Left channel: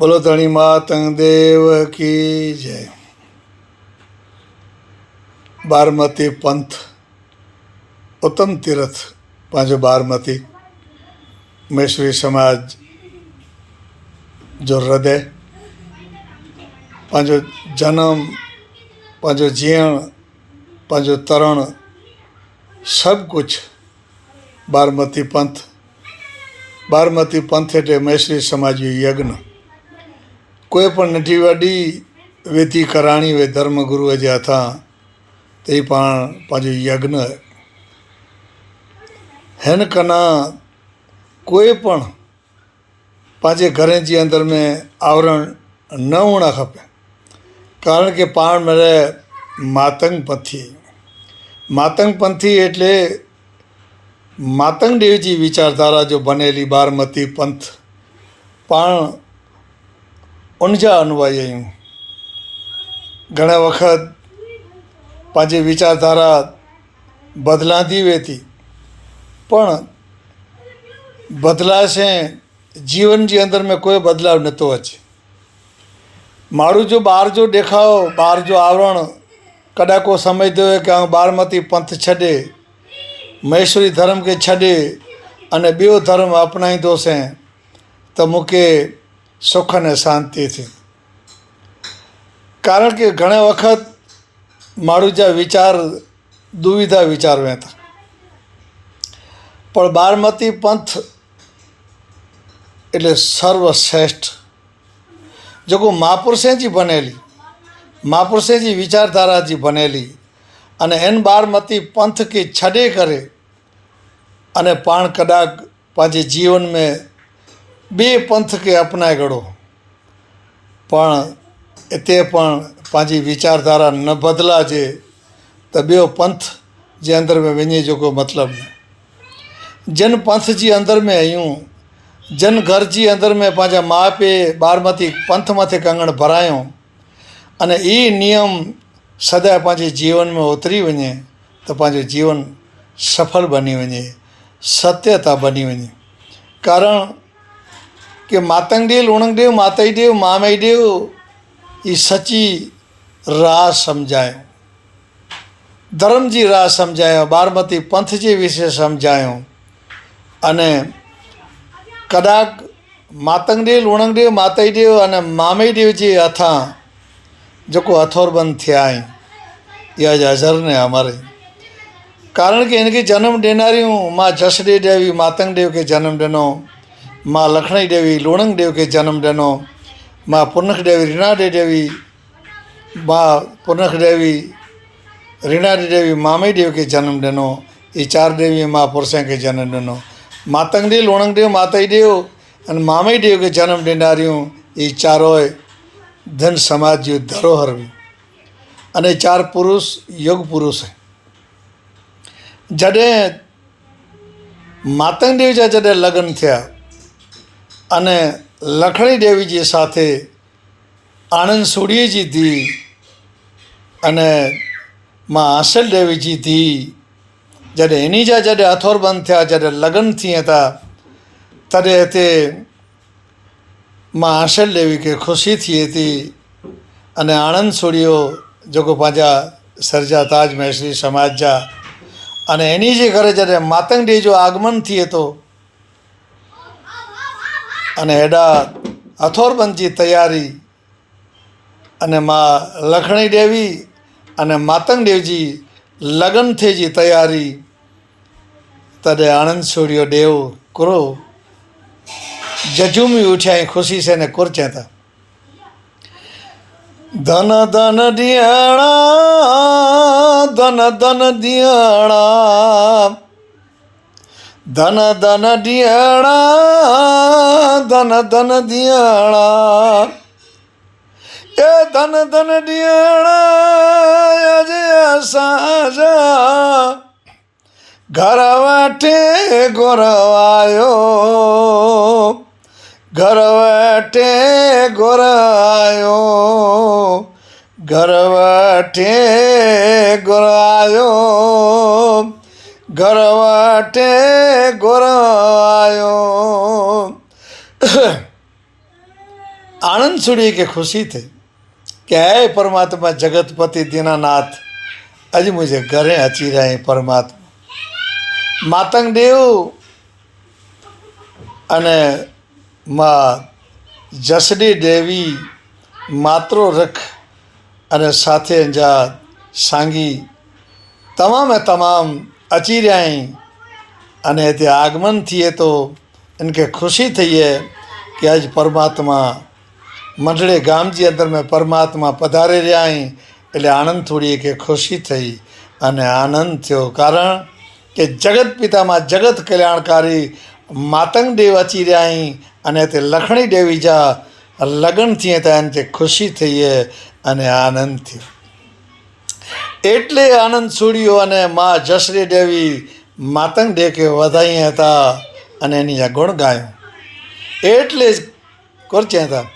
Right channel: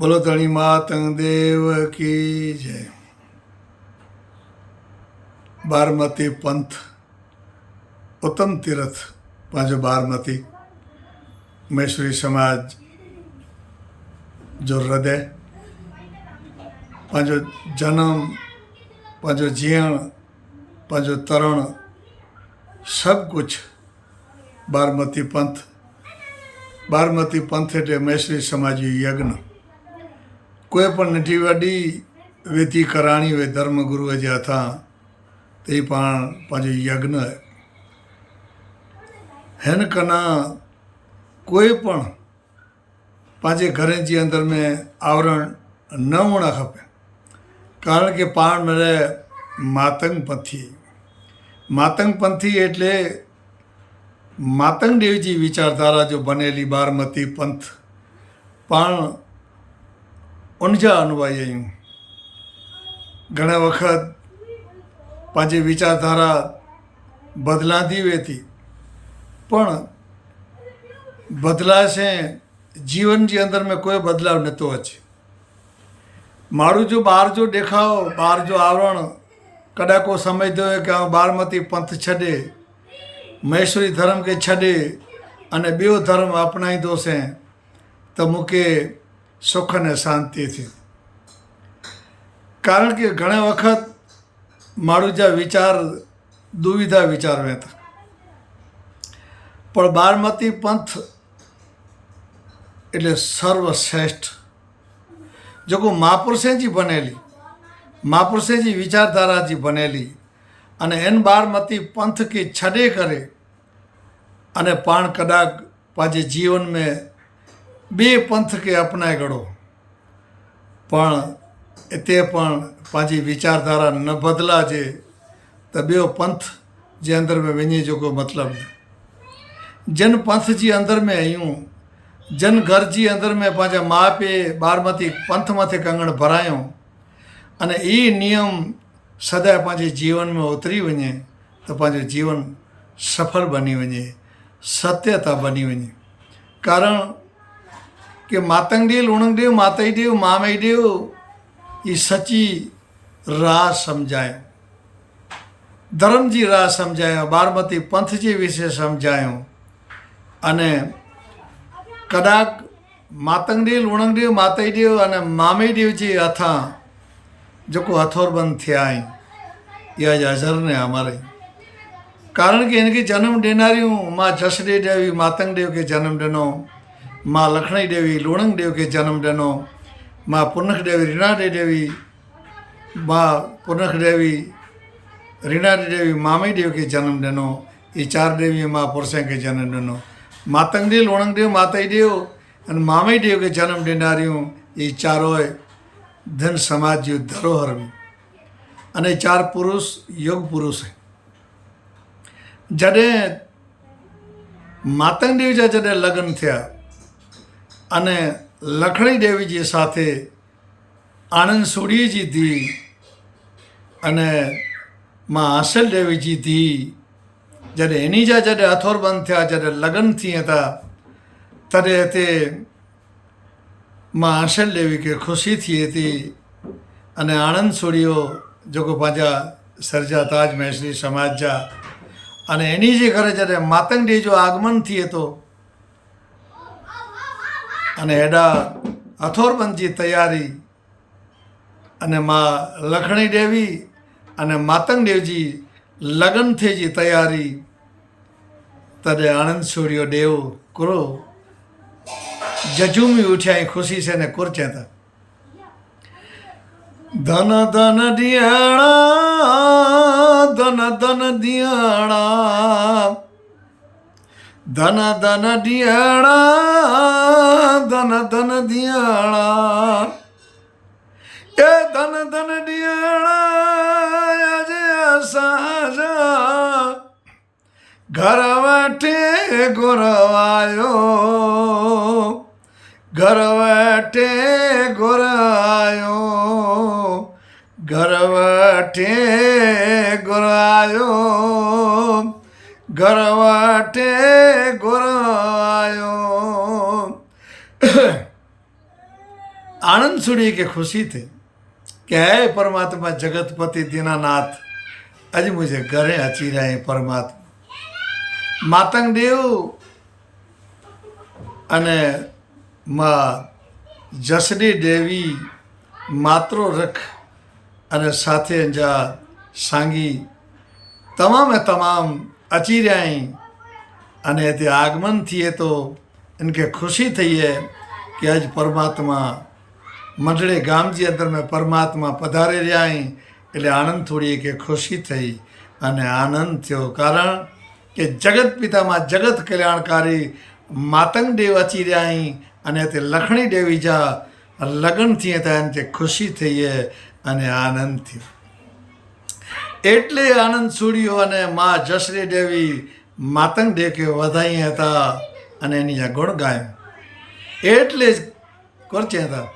બોલો ધણી માતંગ દેવ કી જય. बारमती पंथ उत्तम तीर्थ पंहिंजो बारमती महेश्वरी समाज जो हृदय पंहिंजो जनम पंहिंजो जीअण पंहिंजो तरण सभु कुझु बारमती पंथ એટલે મહેશ્વરી સમાજ યજ્ઞ કોઈ પણ નઢી વॾी विधि कराणी हुई धर्मगुरूअ जे हथां त ही पाण पंहिंजो यज्ञ हिन कना कोई पण पंहिंजे घरनि जे अंदरि में आवरण न हुअणु खपे, કારણ કે પાણ મેળે માતંગ પંથી એટલે માતંગ દેવજી વિચારધારા जो बनेली बारमती पंथ पाण उनजा अनुयायी आहियूं. घणा वक़्त पंहिंजी विचारधारा बदिलांदी वेती पण बदिलाशे जीवन जे अंदर में कोई बदलाव नथो अचे. माण्हू जो ॿार जो ॾेखाव ॿार जो आवरण कॾहिं को सम्झंदो हुयो कि आउं बारमती पंथ छॾे महेश्वरी धर्म खे छॾे अने ॿियो धर्म अपनाईंदोसीं त मूंखे सुख ने शांति थी. कारण कि घणे वक़्त माण्हू जा वीचार दुविधा विचार में था, पर बारमती पंथ એટલે સર્વશ્રેષ્ઠ જેકો મહાપુરુષે जी बनेली મહાપુરુષે जी विचारधारा जी बनेली અને એન બારમતી पंथ खे छॾे करे અને पाण कदाच पंहिंजे जीवन में ॿिए पंथ खे अपनाए घड़ो पण हिते पण पंहिंजी विचारधारा न बदिलाजे त ॿियो पंथ जे अंदरि में वञे जो को मतिलबु न. जन पंथ जी अंदरि में आहियूं, जन घर जी अंदरि में पंहिंजा माउ पीउ बारमती पंथ मथे कंगण भरायूं अने ई नियम सदा पंहिंजे जीवन में उतरी वञे त पंहिंजो जीवन सफल बनी वञे, सत्यता बनी वञे. कारण कि मातंग देव लूणंग देव माताई देव मामाई देव ये सची राह सम्झायो, धर्म जी राह सम्झायो, बारमती पंथ जे विषय सम्झायो अने कदाच मातंग देव लूणंग देव माताई देव अने मामाई देव जे हथां जेको हथौरबंद थिया आहिनि इहा हज़र ने अमर. कारण कि इनखे जन्म ॾिनारियूं मां जसडे देवी मातंग देव खे जन्म ॾिनो, मां लखणी देवी लूणंग देव खे जन्म ॾिनो, मां पुनख देवी रीणाडे देवी मां पुनख देवी रीणाडे देवी मामई देव खे जन्म ॾिनो. ये चार देवी महापुरुषनि खे जन्म ॾिनो. मातंग देव लूणंग देव माताई देव अने मामई देव खे जन्म ॾिनारियूं ये चारों धन समाज जी धरोहर हुई अने चार पुरुष युग पुरुष. जॾहिं मातंग देव जा जॾहिं लग्न थिया अने लखणी देवी जे साथे आनंद सोढ़ीअ जी धीउ अने मां आसल देवी जी धीउ जॾहिं इन्ही जा जॾहिं हथौरबंद थिया, जॾहिं लग्न थिए था, तॾहिं हिते मां आसल देवी खे ख़ुशी थिए थी अने आनंद सोढ़ियो जेको पंहिंजा सरजा ताज महेश्वरी समाज जा अने इन्ही जे करे जॾहिं मातंग देव जो आगमन थिए थो अने हेॾा हथौरबंद जी तयारी अने मां लखणी देवी अने मातंग देव जी लगन थिए जी तयारी तॾहिं आनंद सोढ़ियो देव कुरो जजूमी उठिया ऐं ख़ुशी से ने कुरचें था. धन धन ॾियणा धन धन ॾियणा धन धन ॾियणा धन धन ॾियणा ए धन धन ॾियणा अॼु असांजा घर वेठे घुरवायो घर वेठे घुरायो घर वेठे घुरायो घर वेठे घुरायो આનંદ છોડી કે ખુશી થઈ કે હે પરમાત્મા જગતપતિ દીનાનાથ अज मुझे घरे अची रहे हैं परमात्मा मातंग देव अने माँ जसडी देवी मात्रो रख अने साथे जा सांगी तमाम अची रहा हैं अने ते आगमन थिए तो इनके खुशी थी है कि आज परमात्मा मंडले गाम जी अंदर में परमात्मा पधारे रहा हैं એટલે આનંદ થોડી કે ખુશી થઈ અને આનંદ થયો કારણ કે જગત પિતામાં જગત કલ્યાણકારી માતંગ દેવ અચી રહ્યા અહીં અને તે લખણી દેવી જા લગ્ન થઈએ ત્યાં તે ખુશી થઈ અને આનંદ થયો એટલે આનંદ છોડ્યો અને મા જસરી દેવી માતંગ દેવ કે વધાઈ હતા અને એની ગુણ ગાયો એટલે જ કરચ્યા હતા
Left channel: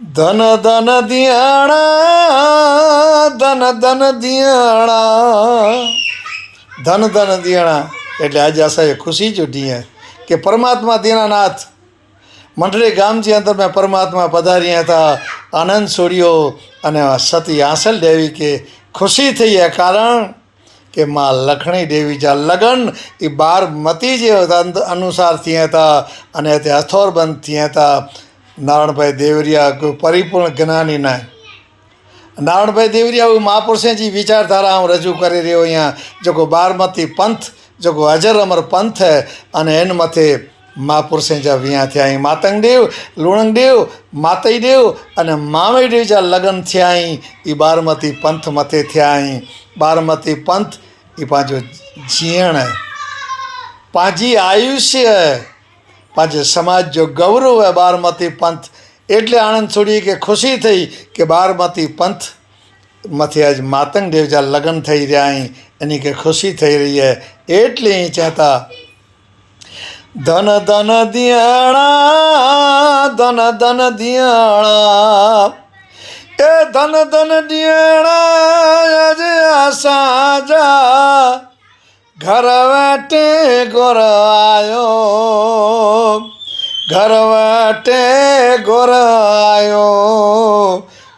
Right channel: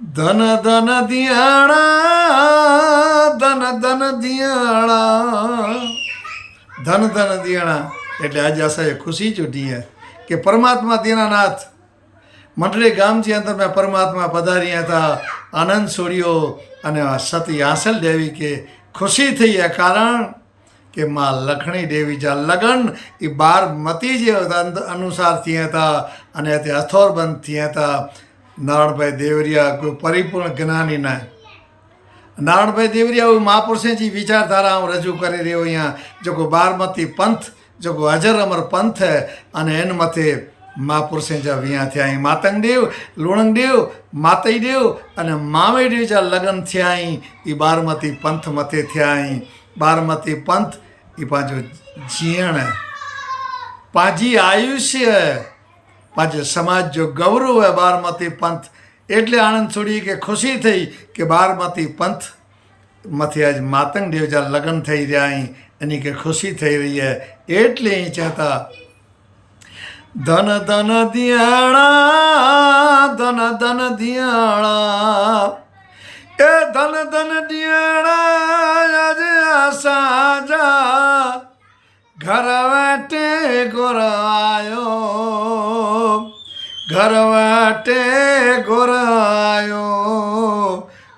ધન ધન દિયાણા ધન ધન દિયાણા ધન ધન દિયાણા એટલે આજે અસાંજે ખુશી જુટી है કે પરમાત્મા દીનાનાથ મંડળી ગામજી અંદર મેં પરમાત્મા પધાર્યા હતા આનંદ છોડ્યો અને સતી આંસલ દેવી કે ખુશી થઈ है કારણ કે માં લખણી દેવી જા લગન એ 12 મતી જે અનુસાર થયા હતા અને તે અથોરબંધ થયા હતા नारायणभाई देवरिया कोई परिपूर्ण ज्ञानी ना नारायणभाई देवरिया महापुरुषे जी विचारधारा हूँ रजू कर रो अँ जो 12मती पंथ जो अजर अमर पंथ है अने एन मथे महापुरुषे जा विया थे मातंग देव लूणंग देव मातई देव अने मामई देव जा लग्न थिया 12मती पंथ मथे थिया 12मती पंथ ये पाँचो जीण है पाँची आयुष्य है पाँचे समाज जो गौरव है 12मती पंथ एटले आनंद छोड़ी के खुशी थी कि 12मती पंथ मथे आज मातंग देव जा लग्न थी रहा एनी के खुशी थी रही है एटले चाहता धन धन दियाणा धन धन दियाणा ए धन धन दियाणा आज आसाजा घर बैठे गोर आयो घर बैठे गोर आयो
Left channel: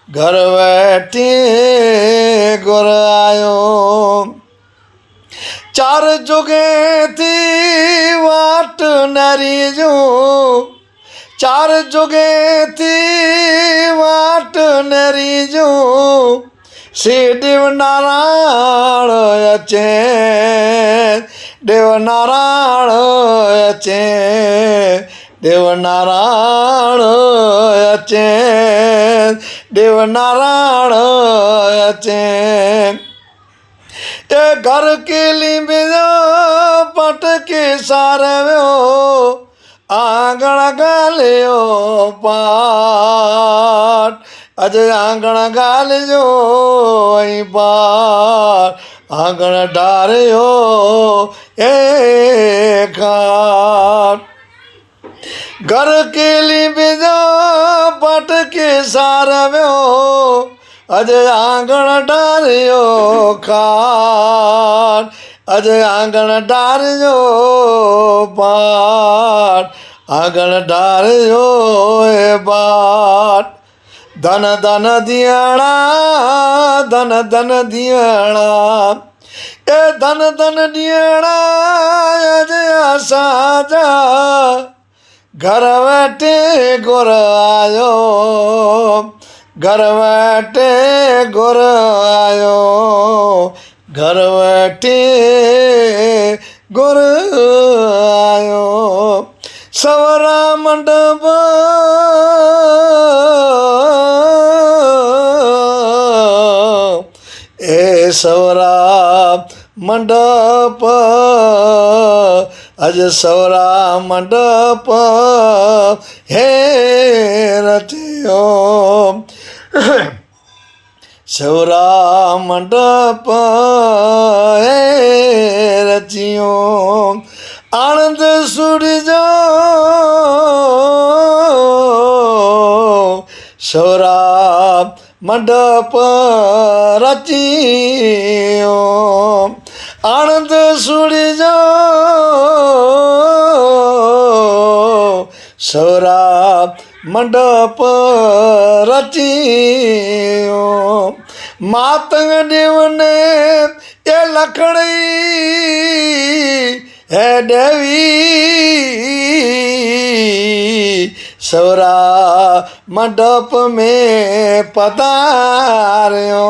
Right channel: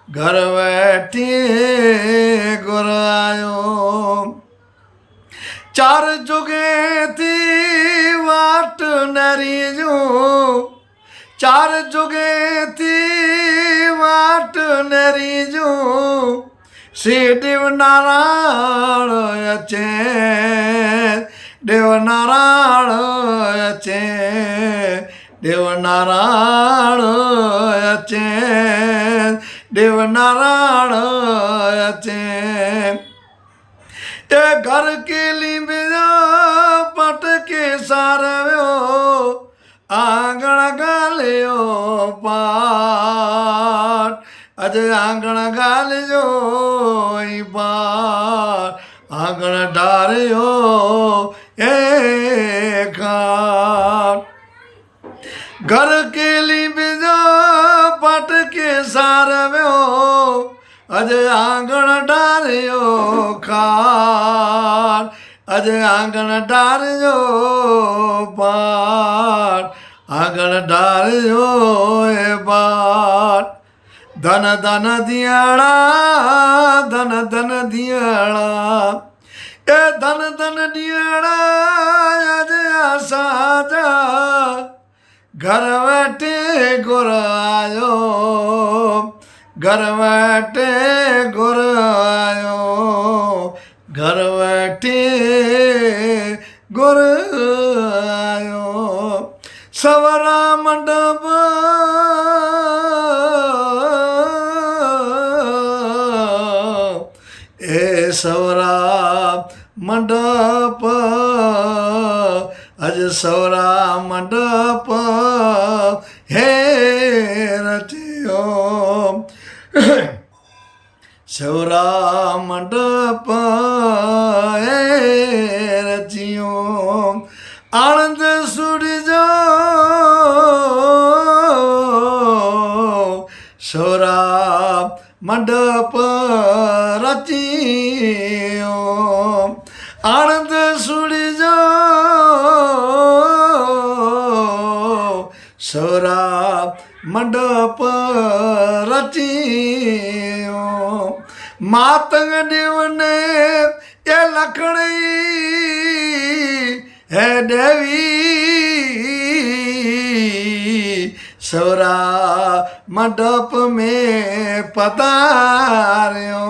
घर बैठे गोर आयो चार जुगे थी वाट नरी जो चार जुगे थी वाट नरी जो श्री देवनारायण अचे देवनारायण अचे देवनारायण अचे देवनारायण अचे ए घर के लींबे पट के सारव्यो आंगण गालियो पाट अज आंगण गालियो पार आंगण डारियो ए खाट घर के लींबे पट के सारव्यो अज आंगण डारियो खाट अज आंगण डारियो पाट आंगण डारियो ए बाट धन धन दियाणा धन धन दियाणा ए धन धन दियाणा अज आसाजा घर बैठे गोर आयो घर बैठे गोर आयो घर बैठे गोर आयो सवरा मंडप ए सवरा मंडप अज सवरा मंडप हे रचियो सवरा मंडप हे रचियो आनंद सूरजो सवरा मंडप रचियो आनंद सूरजो सवरा મંડપ રચ્યો માતંગ દેવને એ લખણી હે દેવી સવરા મંડપ में પધાર્યો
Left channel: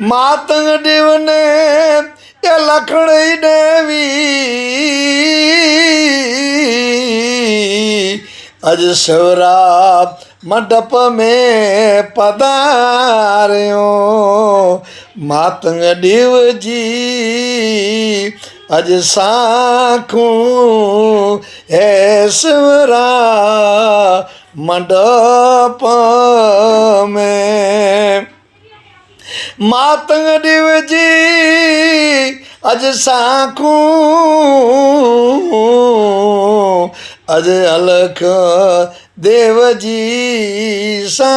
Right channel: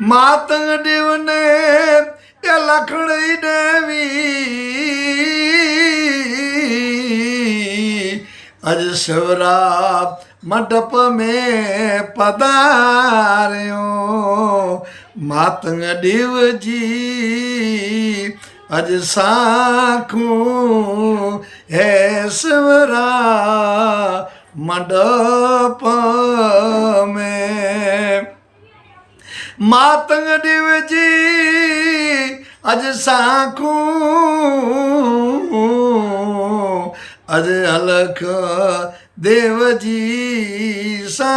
માતંગ દેવને એ લખણી દેવી અજ સવરા મંડપ में પધાર્યો માતંગ દેવજી અજ સાખું હે સવરા મંડપ में માતંગ દેવજી અજ સાખું અજ અલખ દેવજી સાખે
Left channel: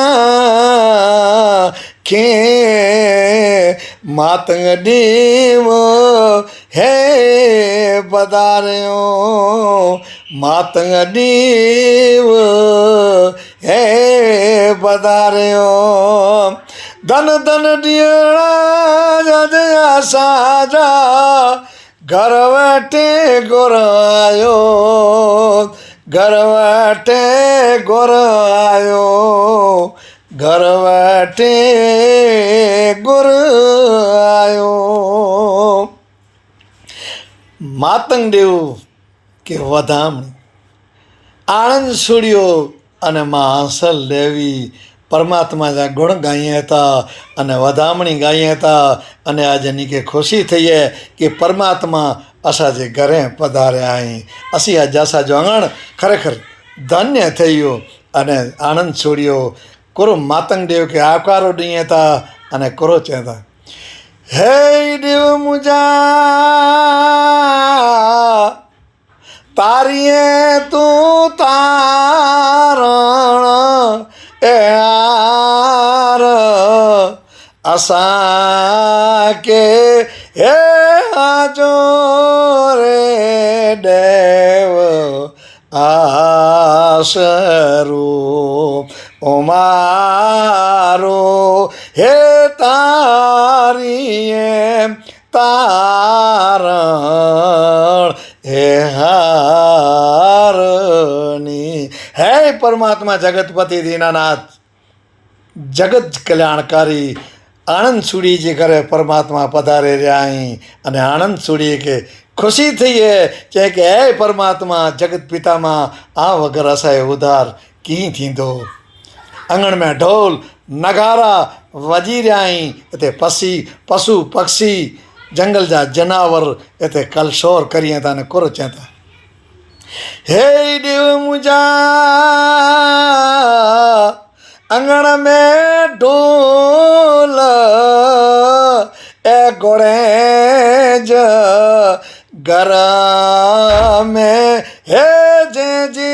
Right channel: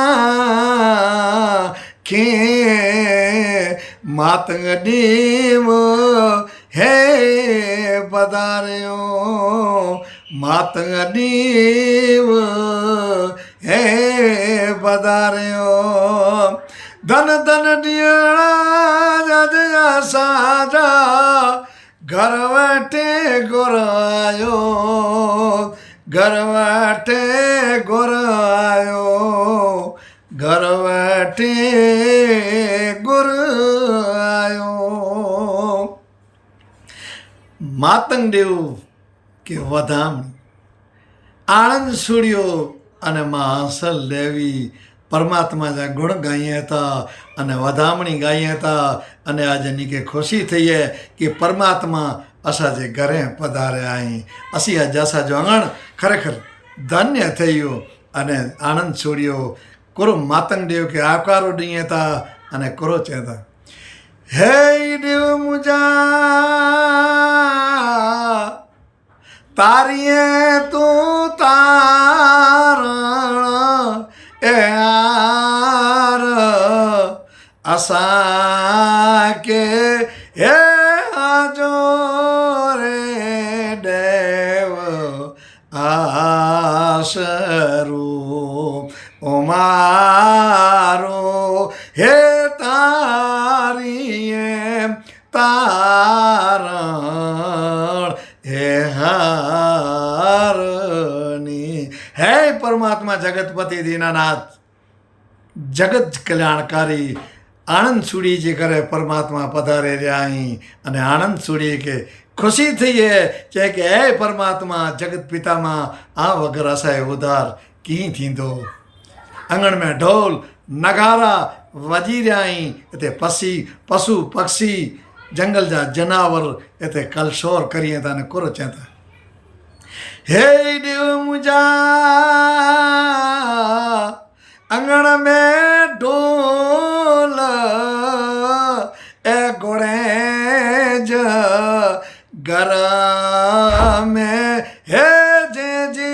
માતંગ દેવ હે પધાર્યો માતંગ દેવ હે પધાર્યો ધન ધન દિયણા જયા સાજા ઘર વટે ગોરાયો ઘર વટે ગોરાયો ઘર વટે ગોરાયો માતંગ દેવ કે વધામણી આણંદ સુડિયો અને માં હંસલ દેવી પરમાત્માના ગુણ ગાઈએ હતા અને વધામણી ગાઈએ હતા અને આજે નીકે ખુશી થઈએ કે પરમાત્મા અસાજે ઘરે પધાર્યા અહીં અસી આ જાસા જોંગણ ખરેખર ધન્ય થયું અને આનંદ છોડ્યો કોરો માતંગ દેવ કે આવકારો દઈએ હતા અને કોરો ચેતા હે દેવ મુજા તારીએ તું તારણ એ આર આશા કે હે આજો રે દેવ આશરો ઓમારો હે તારીએ તારણ હે હારની હે પરમાત્મા જગતપતિ દીનાનાથ જગત કલ્યાણકારી આણંદ સુડી જે કરે પરમાત્મા પધારે રહ્યા અહીં અને આણંદ સુડી કે ખુશી થઈએ છે કે હે પરમાत्मा जगत पिता मां आ वगर असाए उधार कीअं थींदो अंगण में ढोल नगारा वॼी रहिया आहिनि हिते पशु पक्षी जंगल जा जनावर हिते कलशोर करिए था ने कुर चए था हे देव मुंहिंजा अंगण में ढोल ए घोड़े घर में हे जे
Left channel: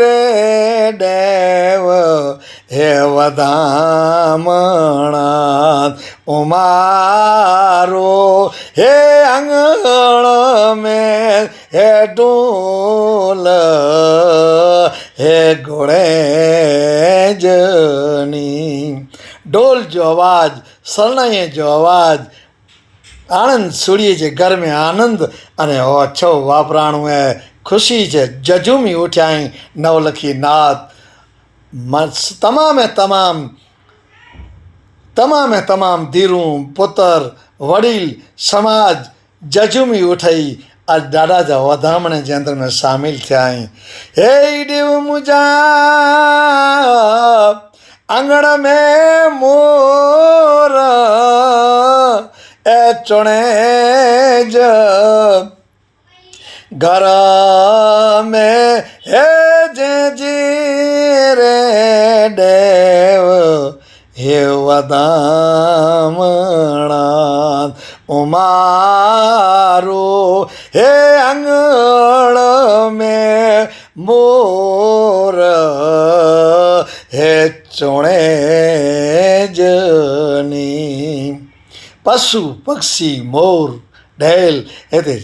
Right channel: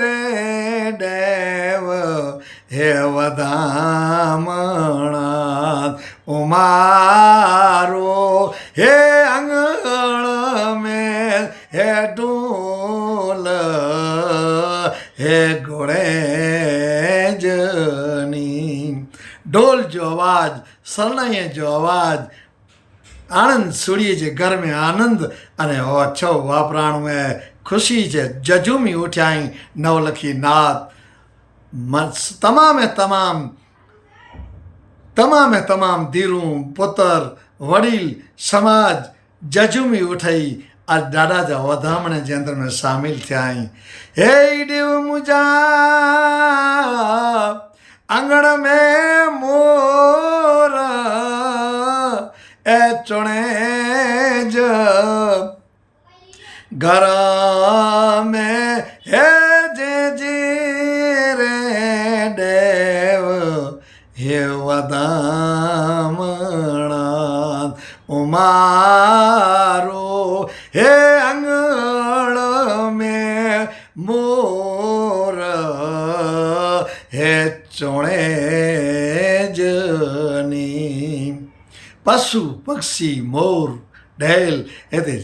रे देव हे वधामणा उमारो हे अंगण में हे ढोल हे घोड़े जनी ढोल जो आवाज़ शरणाईअ जो आवाज़ आनंद सुड़िए जे घर में आनंद अने हो अच्छो वापराणो है खुशी जे जजूमी उठ्याई नवलखी नाथ तमाम धीरूं पुत्र वडील समाज जजूमी उठई आज ॾाढा जा वधामणे जे अंदर में शामिल थिया आहिनि हे देव मुंहिंजा आंगण में मोर ए चुणे घर में हे जे रे देव हे वधामणा उमारो हे अंगण में मोर हे चुणे जनी पशु पक्षी मोर ढेल हिते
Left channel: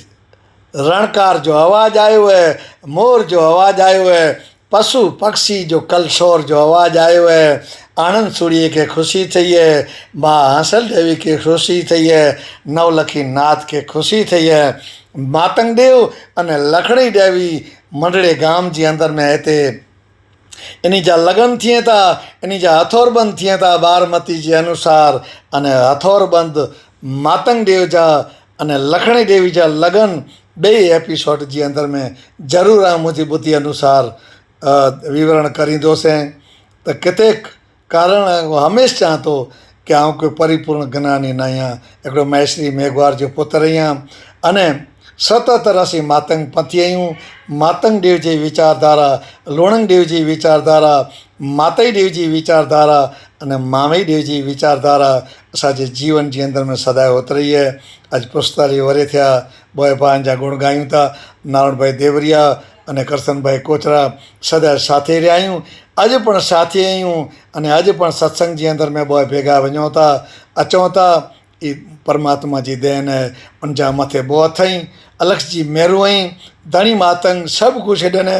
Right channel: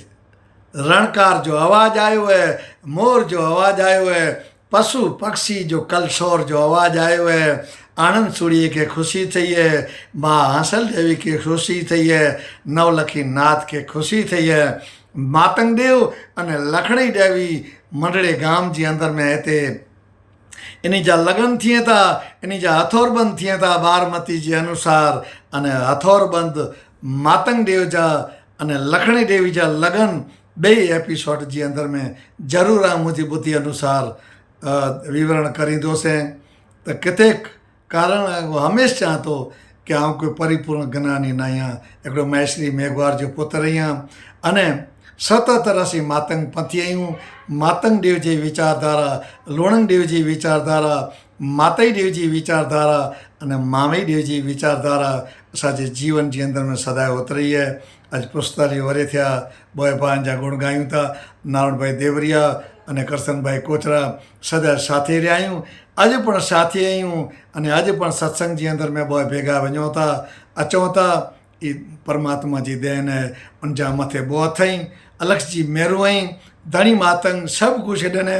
रणकार जो आवाज़ आयो है मोर जो आवाज़ आयो है पशु पक्षी जो कल शोर जो आवाज़ आयो है, आनंद सूड़ीअ खे ख़ुशी थी है, मां हांसल देवी खे ख़ुशी थी है, नवलखी नाथ खे ख़ुशी थी है। मातंग देव अने लखणी देवी मंडड़े गाम जे अंदर में हिते इन जा लगन थिए था, इन जा हथौरबंद थिए था बारमती जे अनुसार। अने हथौरबंद मातंग देव जा अने लखणी देवी जा लगन ॿई एपिसोड जे अंदर में ज़रूरु आहे मुंहिंजी ॿुधी अनुसार विवरण करींदोसीं। त किथे कारण हमेशह चवां थो कि आउं कोई परिपूर्ण ज्ञानी न आहियां, हिकिड़ो महेश्वरी मेघवार जो पुत्र आहियां। अने 77 असीं मातंग पंथी आहियूं। मातंग देव जी वीचारधारा, लोणंग देव जी वीचारधारा, माताई देव जी वीचारधारा अने मामई देव जी वीचारधारा असांजे जीवन जे अंदर में सदाए उतरी है। अॼु 45 वरे थिया, बोए भाउनि जा गुण ॻायूं था। नारायण भाई देवरिया अने करसन भाई कोचरा सदाए साथे रहिया आहियूं, अॼु पण साथे आहियूं। अने अॼु पण सत्संग जे अंदर में बोए भेगा वञूं था, अचूं था। ई परमात्मा जी देन है, उन जा मथे बो अथई, अलख जी मेरू आई, धणी मातंग सभु कुझु ॾिने।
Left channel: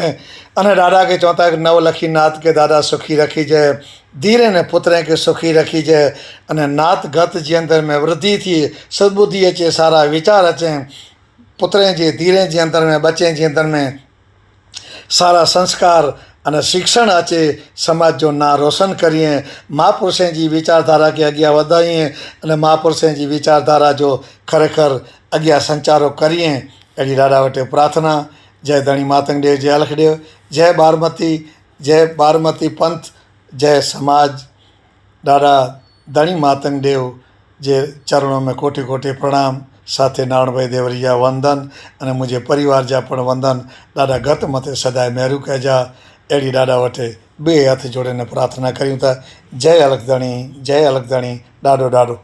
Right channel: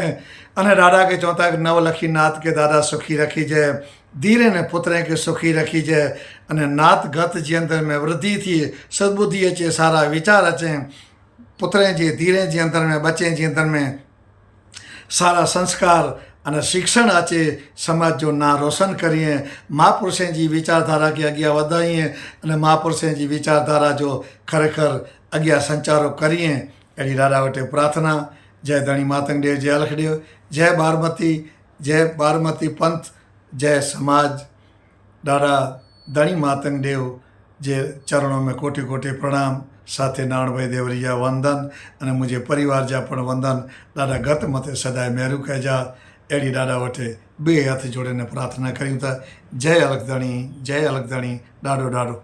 अने ॾाॾा खे चवनि था कि नवलखी नाथ के ॾाढा सुखी रखीजे, धीरे ने पुत्र के सुखी रखीजे। अने नाथ गत जे अंदर में वृद्धि थिए, सद्बुद्धि अचे, सारा विचार अचें, पुत्र जे धीरे जे अंदर में, बच्चे जे अंदर में सारा संस्कार अने शिक्षण अचे, समाज जो नाम रोशन करिए, महापुरुषनि जी विचारधारा खे अॻियां वधाइए अने महापुरुषनि जी विचारधारा जो खरेखर अॻियां संचारो करिए। अहिड़ी ॾाढा वटि प्रार्थना। जय धणी मातंग देव, जय अलख देव, जय बारमती, जय बारमती पंथ, जय समाज। ॾाढा धणी मातंग देव जे चरणों में कोटि कोटि प्रणाम। साथे नारायण भाई देवरिया वंदन अने मुंहिंजे परिवार जा पण वंदन। ॾाढा गत मथे सदाए महिरूं कजा। अहिड़ी ॾाढा वटि ॿिए हथ जोड़े प्रार्थना करियूं था। जय अलख धणी, जय अलख धणी, ॾाढो ॾाढो